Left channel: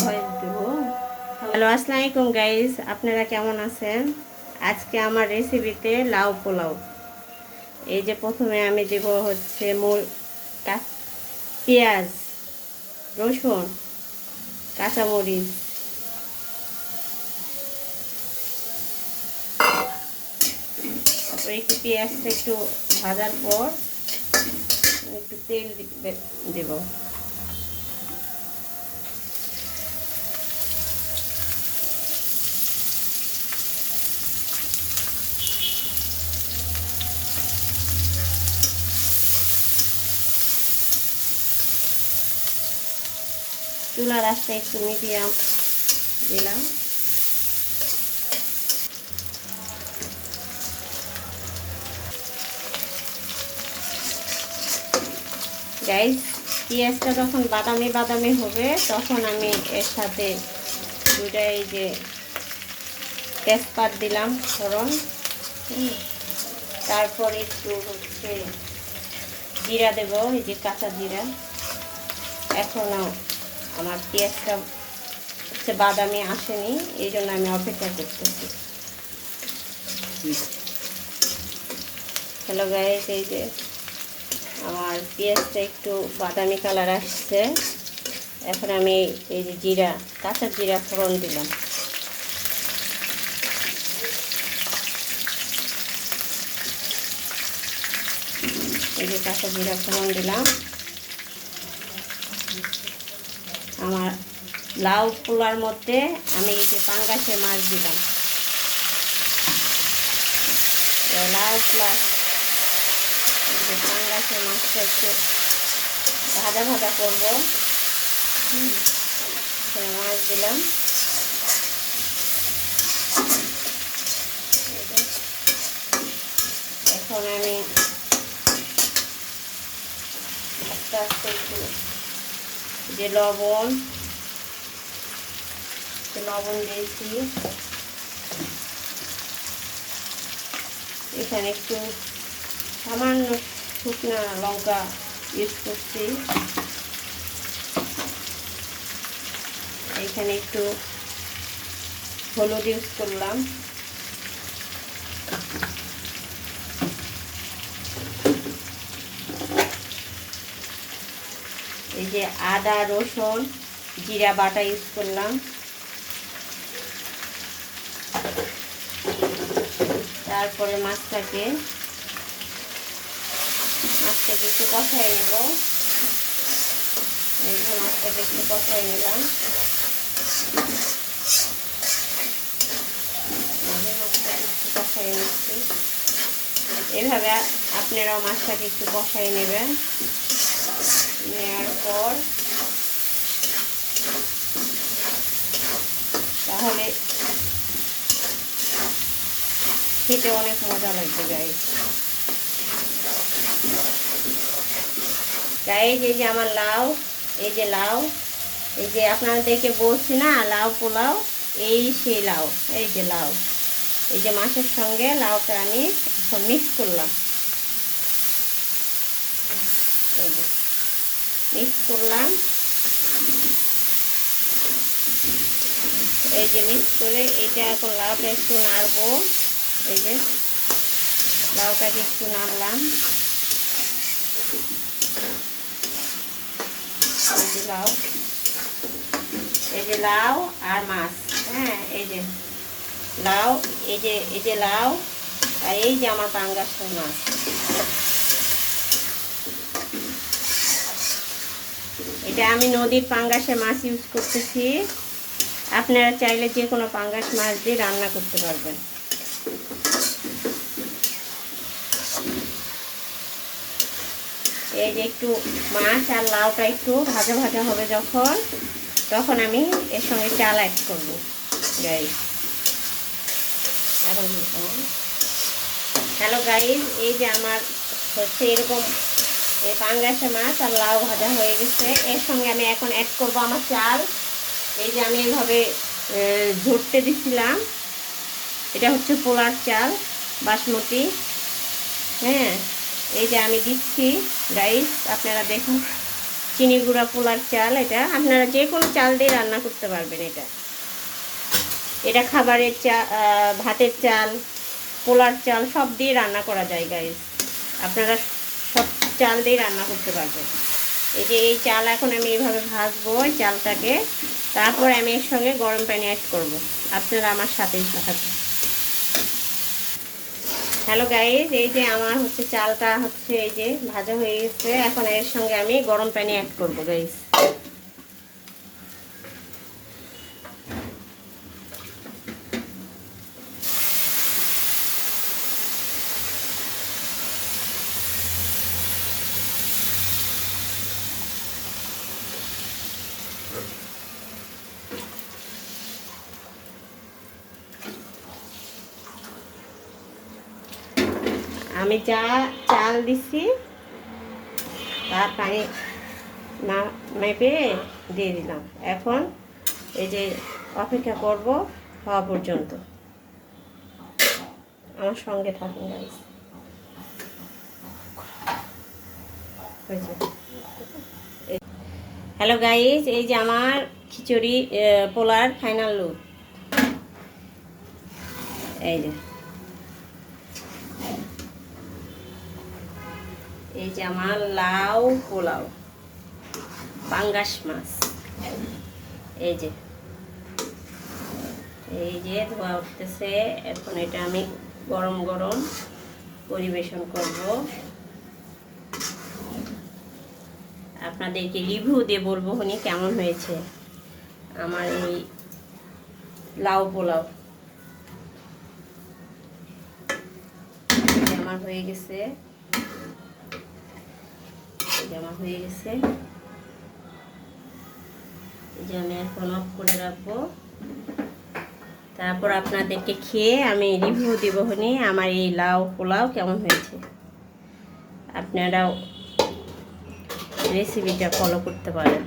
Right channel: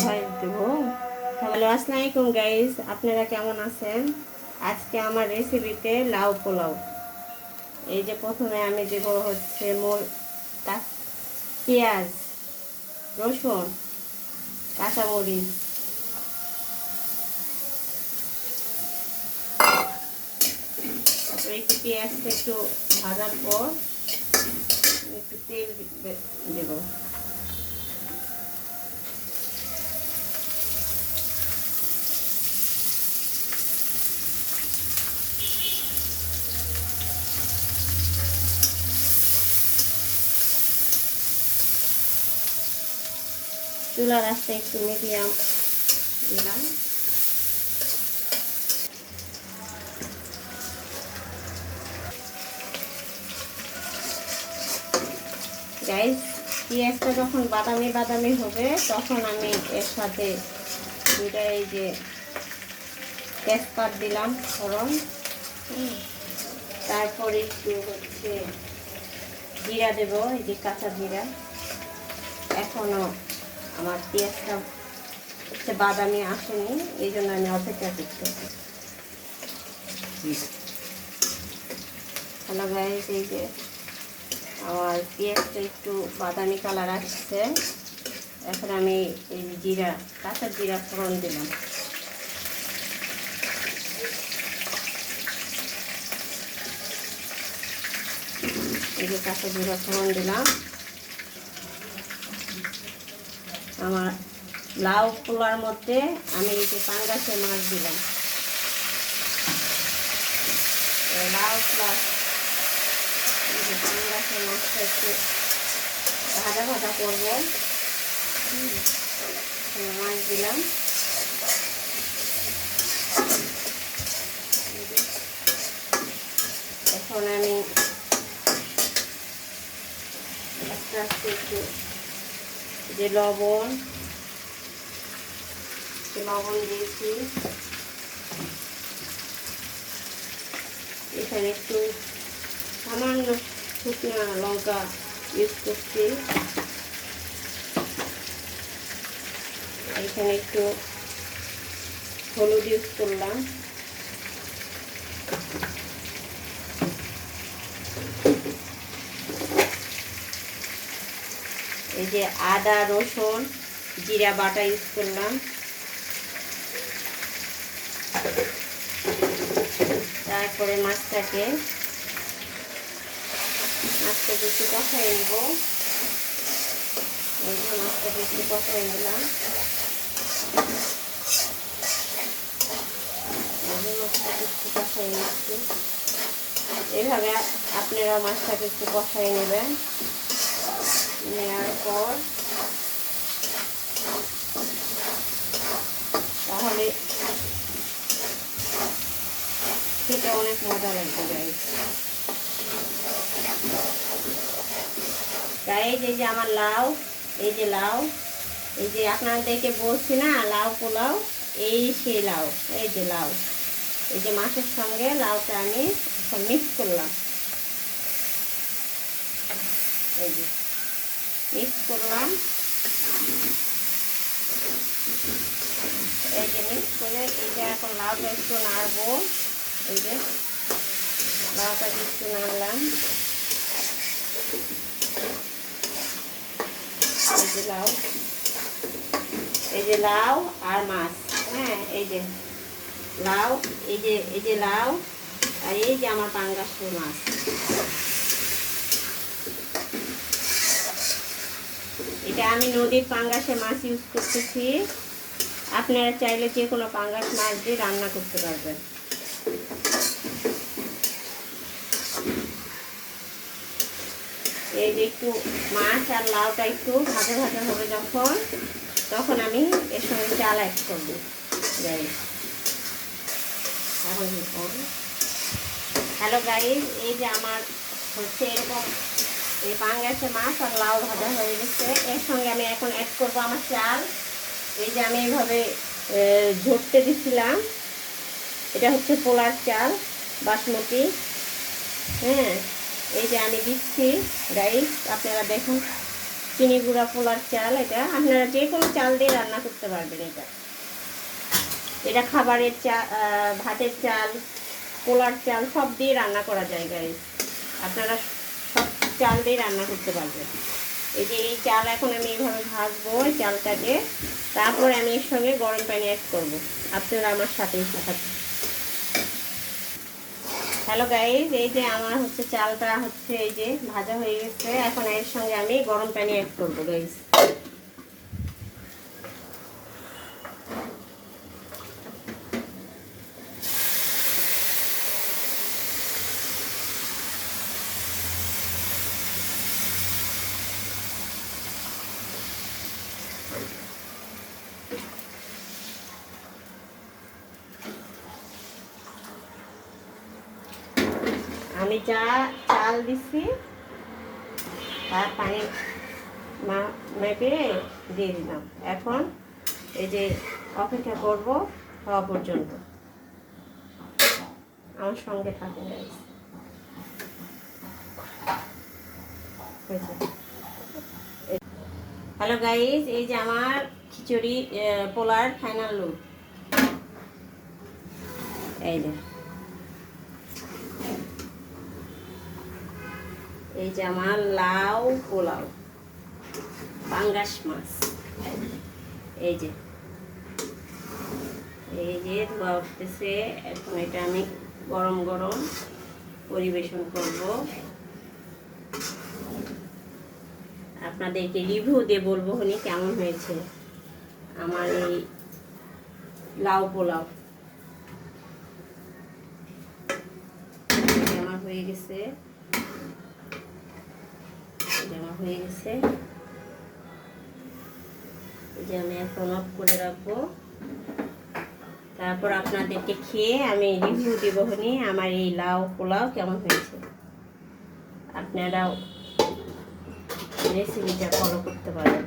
Voice দেব। Hello, আসসালামু আলাইকুম guys, আপনারা কেমন আছেন? আজকে আমার রেসিপিতে লাউ পোলাও। এই যে প্রথমে আমি দেব হচ্ছে পেঁয়াজ, রসুন, কাঁচামরিচ, তারপরে একটু পেঁয়াজটা একটু ভাজার পর একটু তেল দেব। চুলার আঁচটা একটু মিডিয়াম দিলাম। গাইস, পেঁয়াজটা যখন বাদামি বাদামি হবে তখন আমি এর সাথে দুইটা এই যে তেজপাত দিলাম ফোড়ন, তারপর একটু হচ্ছে জিরা দেবো, এই যে কাঁচা জিরা। এখনও আমার পেঁয়াজটা হচ্ছে বাদামি আসেনি, এই জন্য আমি অপেক্ষা করতেছি। হ্যালো গাইস, এই যে আমার পেঁয়াজটা একটু বাদামি কালার আসছে। এখন আমি এই যে জিরা, কাঁচা জিরা ফোড়ন দিলাম। এই যে কাঁচা জিরা ফোড়ন দিলাম। আমার লাউ পোলার মধ্যে আমি এই যে পাঙ্গাসের মাছ দিলাম। লাউ পোলা পাঙ্গাসের মাছটা একটু ভাজা ভাজা করবো। মাছ দিলাম। এখন আমি আস্তে আস্তে একটু যে লবণ দিয়েছি, এখানে একটু সামান্য শুকনো লঙ্কা ইউজ করছি, এখানে একটু হলুদ ইউজ করলাম, এই যে আদা রসুন জিরা বাটা ইউজ করলাম। তারপরে মাছটাকে একটু কষাই নেব। মাছটাকে একটু কষাই নিলাম। একটু কষাই নিচ্ছি। এভাবে আপনারাও মাছটাকে একটু কষাই নেবেন। নেওয়ার পর তাহলে খেতে অনেক মজা লাগবে গাইস। গাইস, এই যে আমার লাউ, এই যে লাউ, এই যে আপনাদেরকে বলছি না লাউ পোলাও, এই সেই লাউ, এই যে লাউ, এই যে মাছের সঙ্গে লাউটা আমি মিক্স করলাম। এই যে মিক্স করলাম, এই যে মিক্স করে এটা এখন লাউটা একটু নাড়বো। এই যে লাউটাকে একটু নাড়লাম। এই যে লাউ আর মাছ, হ্যাঁ, এই যে লাউ, এই যে লাউ আর এই যে আমার পাঙ্গাসের মাছ। এটা আমি নদীর পাঙ্গাসের মাছ ইউজ করতেছি। আপনারা চাইলে যে কোনো পাঙ্গাস মাছ দিয়ে রান্না করতে পারবেন। এই যে একটু মাছ আর লাউটা একটু ভাজা ভাজা হবে যখন, তখন আমি এর সঙ্গে চাল অ্যাড করবো। হ্যালো গাইস, এই যে আমার হচ্ছে এরকম এই পাঙ্গাসের মাছ আর লাউ ভাজা হয়ে গেছে। এর সঙ্গে আমি এখন অ্যাড করবো আমার চাল। এই যে আমি এইভাবে ঝরতে দিছিলাম, এটা হচ্ছে পোলার চাল বাসমতি। হ্যাঁ, এই যে আমি দিচ্ছি গাইস, আপনারা দেখুন। চিনি গুঁড়া পোলার চাল। এটা আপনারা যে কোনো চাল দিয়ে রান্না করতে পারবেন। এটা খাবারের চাল, ভাতের চাল, পোলার চাল সব দিয়ে রান্না করা যায় গাইস। আপনারা সব চাল দিয়ে রান্না করতে পারবেন। এই যে এই চাল এখন আমি এইভাবে ভাজবো এই চালটাকে, তারপর আমি এর সঙ্গে গরম পানি অ্যাড করবো। আপনারা আমার সাথেই থাকবেন। হ্যালো গাইস, এই যে আমার হচ্ছে চালটা হচ্ছে এই যে ভাজা হয়ে গেছে। এখন এর সঙ্গে আমি গরম পানি অ্যাড করবো গাইস। আমি যা চাল দিছি তার পানি মেপে দিয়ে দিলাম। এখন এই যে অপেক্ষা করব হওয়া পর্যন্ত। আমার সঙ্গে থাকুন গাইস। হ্যালো গাইস, এই যে আমার খিচুড়ি পোলার ফাইনাল লুক। এই যে এই যে আমার লাউ পোলাও, পাঙ্গাস মাছ। এই যে ধোয়া উঠতেছে। এখন এটা আমি গরম গরম পরিবেশন করব। আপনাদেরকে রিভিউ দিয়ে বলবো উনি কেমন হয়েছে আমার এই লাউ পোলাও। আমার হয়ে গেছে, যে আমি এখন অফ করে রাখবো। তারপর আপনাদেরকে খেয়ে আমি রিভিউ দিব হনি আমার এই লাউ পোলাও কেমন হয়েছে। আপনারাও রেসিপিটা ফলো করতে পারেন।